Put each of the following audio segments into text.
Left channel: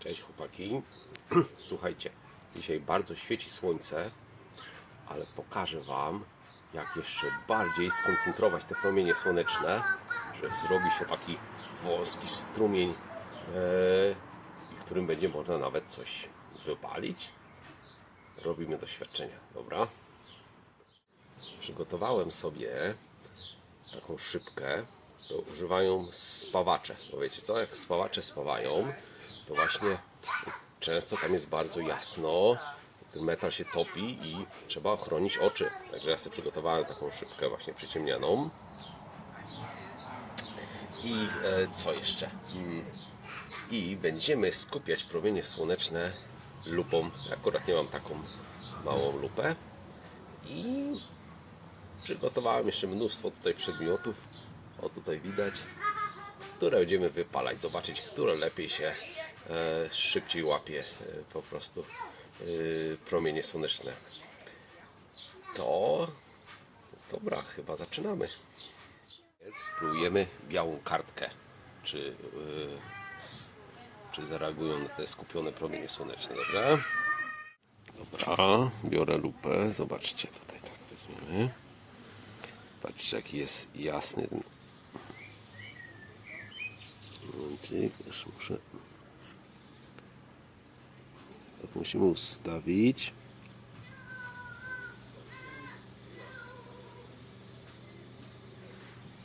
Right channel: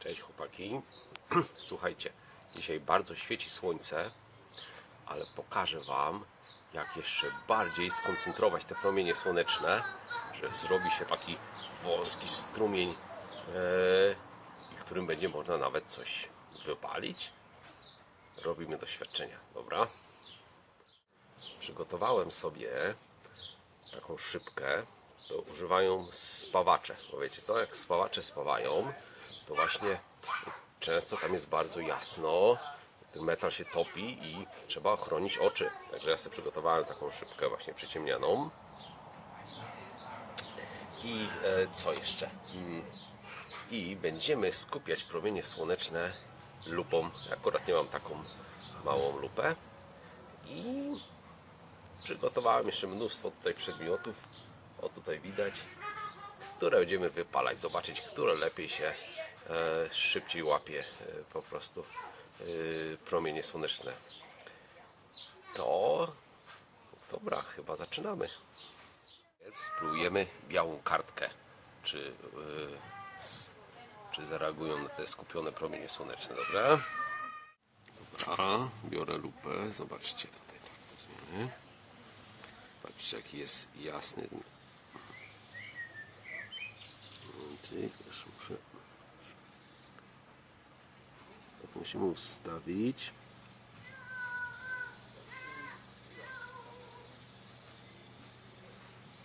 Cześć chłopaki. Słuchajcie, dzisiaj bardzo świeci słońce, ale pokażę Wam, jak jeszcze bardziej skoncentrować te promienie słoneczne, że zrobi się taki wąski strumień, i którym będzie można nawet coś wypalić. Robimy doświadczenia, dobra? Przygotowałem sobie taką szybkę, to używają spawacze. Bo wiecie co, jak spawacze spawają, to właśnie często tam jest bardzo jasno, ten metal się topi i trzeba ochronić oczy. Także ja sobie przygotowałem taką szybkę właśnie przyciemnianą. I e, co jeszcze? Mm, I będziemy skupiać promienie słoneczne lupą. Akurat nie mam taką małą lupę. I przygotowałem jeszcze mnóstwo tutaj przedmiotów. O tutaj widać, które będziemy wypalać. Zobaczyć, które lepiej się szybciej łapie e, po prostu e, promienie słoneczne. To dobra, chyba zaczynamy. Spróbujemy białą kartkę. Czy, e, czy zareagują na te skupione promienie słoneczne, dobra? Dobra, biorę lupę. Zobaczcie tutaj, tak weźmiemy. Patrzcie, jaki jest jasny. Muszę. Tak musimy ustawić.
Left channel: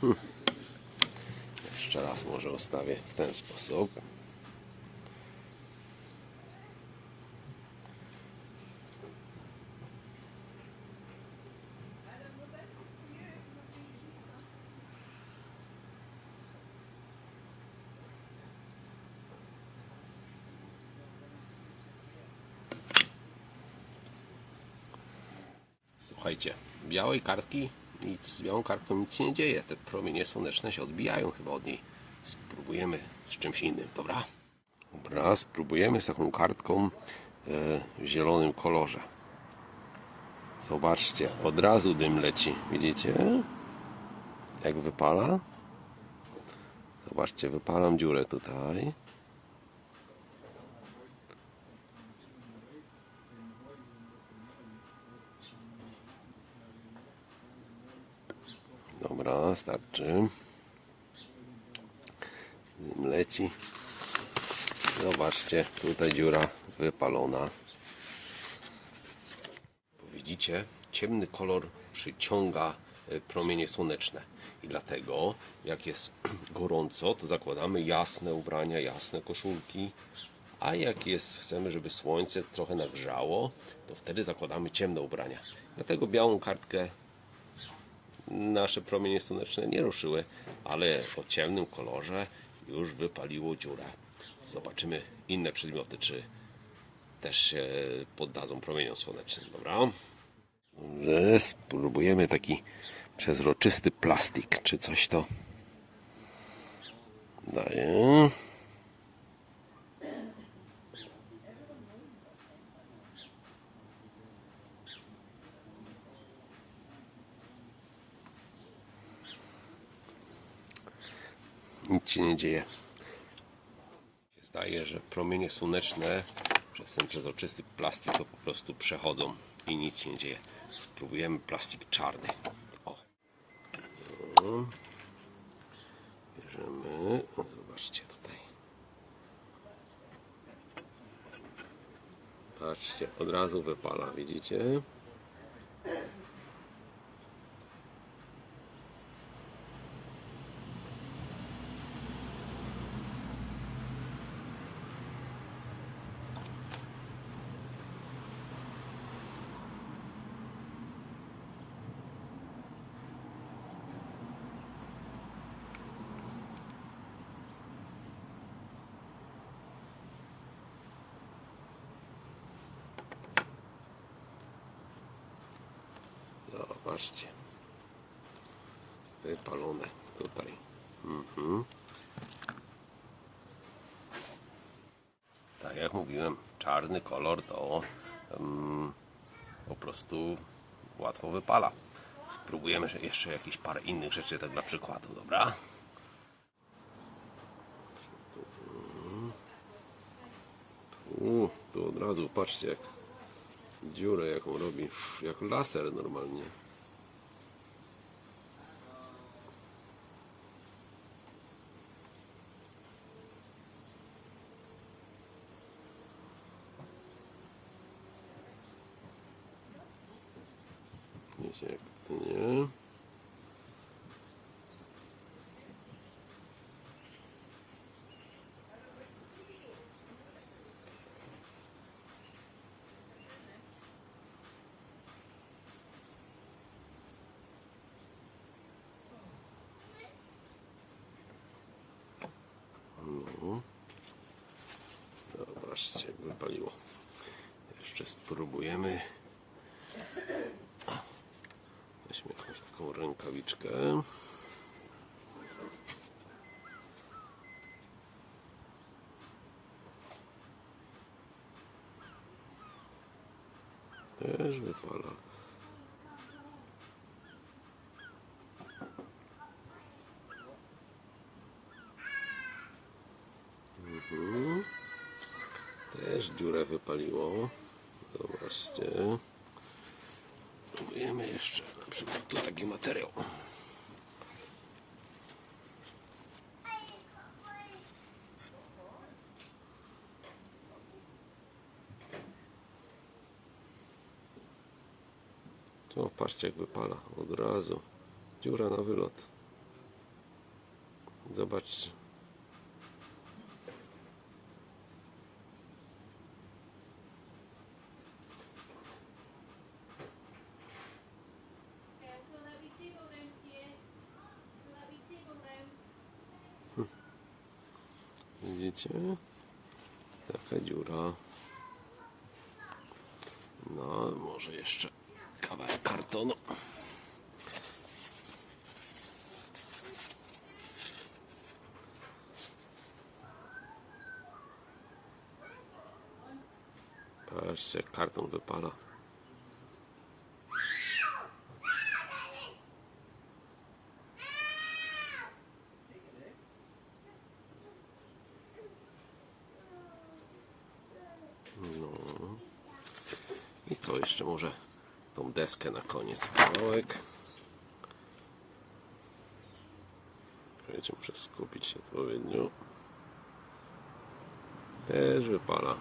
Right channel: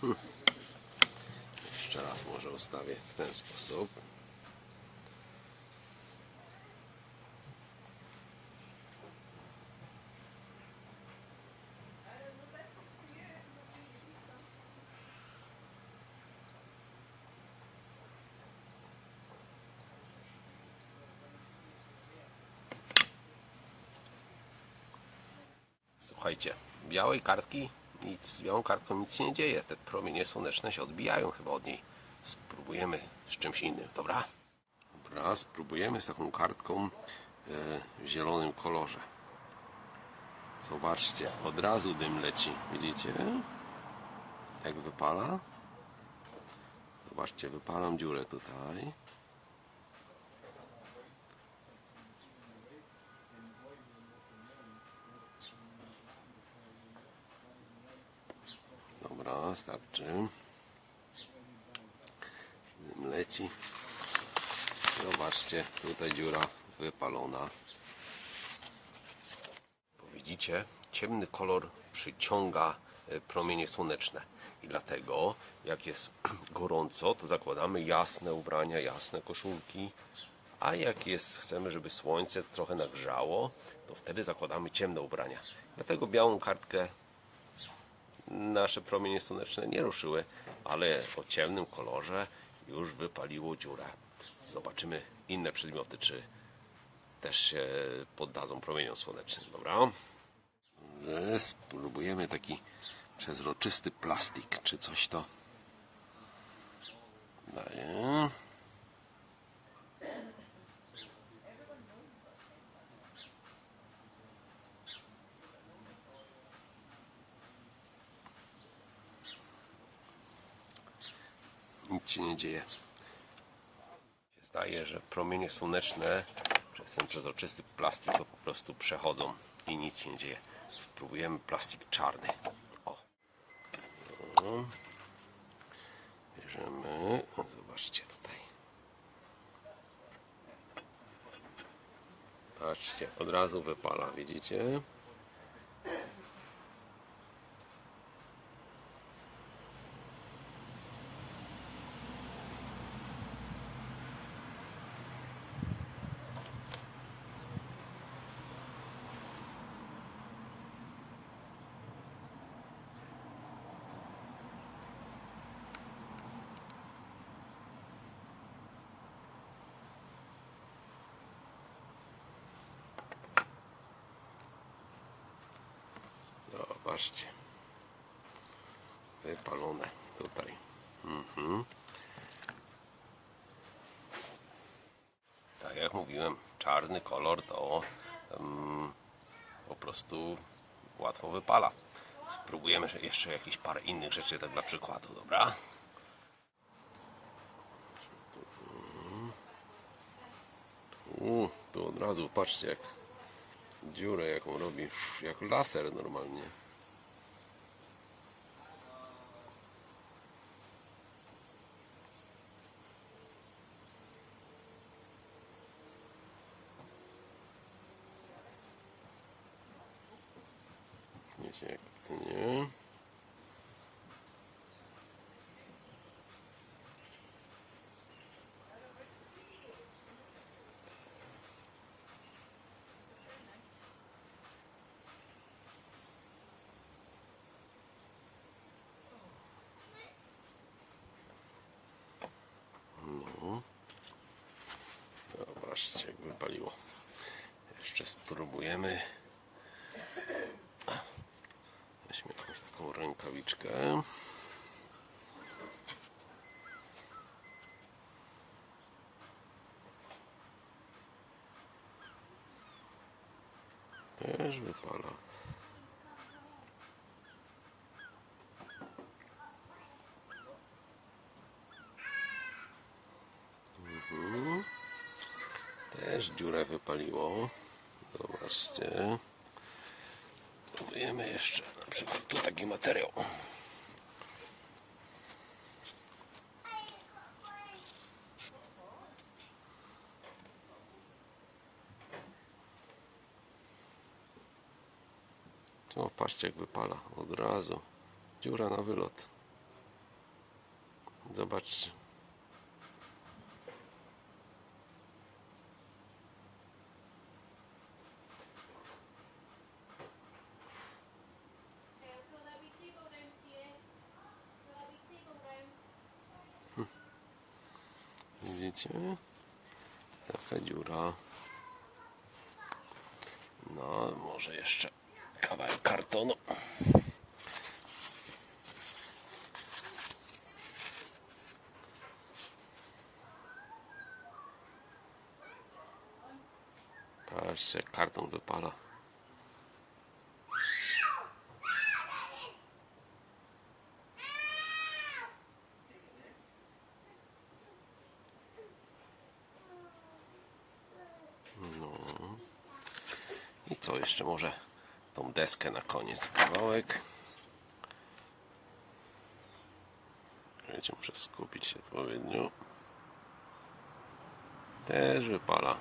Hmm. Jeszcze raz może ustawię w ten sposób. Słuchajcie, białej kartki nic, z białą kartką nic się nie dzieje. Te promienie słoneczne się odbijają chyba od niej. Spróbujemy z czymś innym, dobra? Dobra, spróbujemy z taką kartką e, w zielonym kolorze. Zobaczcie, od razu dym leci. Widzicie? Jak wypala? Zobaczcie, wypalam dziurę tutaj. Dobra, starczy. Leci. Zobaczcie, tutaj dziura wypalona. Widzicie, ciemny kolor przyciąga e, promienie słoneczne. I dlatego, jak jest gorąco, to zakładamy jasne ubrania, jasne koszulki. A jak jest, chcemy, żeby słońce trochę nagrzało, to wtedy zakładamy ciemne ubrania. Dlatego białą kartkę nasze promienie słoneczne nie ruszyły, ale o ciemnym kolorze już wypaliło dziurę. Zobaczymy inne przedmioty, czy też się poddadzą promieniom słonecznym, dobra? Spróbujemy taki przezroczysty plastik, czy coś to daje. Nic się nie dzieje. Zdaje, że promienie słoneczne przez ten przezroczysty plastik to po prostu przechodzą i nic się nie dzieje. Spróbujemy plastik czarny. O. Bierzemy. O, zobaczcie tutaj. Patrzcie, od razu wypala, widzicie? Zobaczcie. Wypalone tutaj. Mhm. Tak jak mówiłem, czarny kolor to em, po prostu łatwo wypala. Spróbujemy jeszcze jakieś parę innych rzeczy, tak dla przykładu, dobra? razu, patrzcie jak dziurę jaką robi, jak laser normalnie. Wiecie jak to nie? No. Zobaczcie, jak wypaliło. Jeszcze spróbujemy. O, Weźmy jakąś taką rękawiczkę. Też wypala. Mhm. Też dziurę wypaliło. Zobaczcie. Próbujemy jeszcze tu taki materiał. Tu patrzcie jak wypala od razu. Dziura na wylot. Zobaczcie. Widzicie? Taka dziura. No, może jeszcze kawałek kartonu. Patrzcie, karton wypala. I co jeszcze może tą deskę na koniec kawałek. Wiecie, muszę skupić się odpowiednio. Też wypala.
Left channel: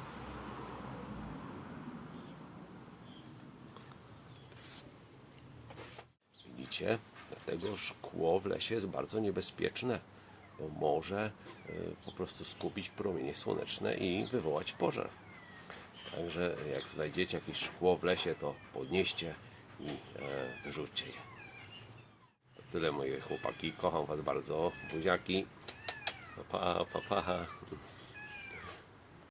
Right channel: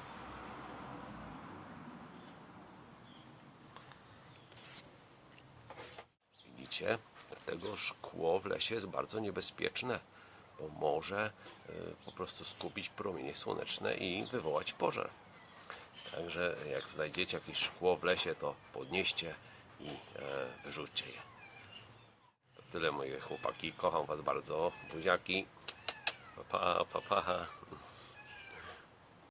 Widzicie? Dlatego szkło w lesie jest bardzo niebezpieczne, bo może y, po prostu skupić promienie słoneczne i wywołać pożar. Także jak znajdziecie jakieś szkło w lesie, to podnieście i e, wyrzućcie je. To tyle moje chłopaki. Kocham Was bardzo. Buziaki. Pa, pa, pa.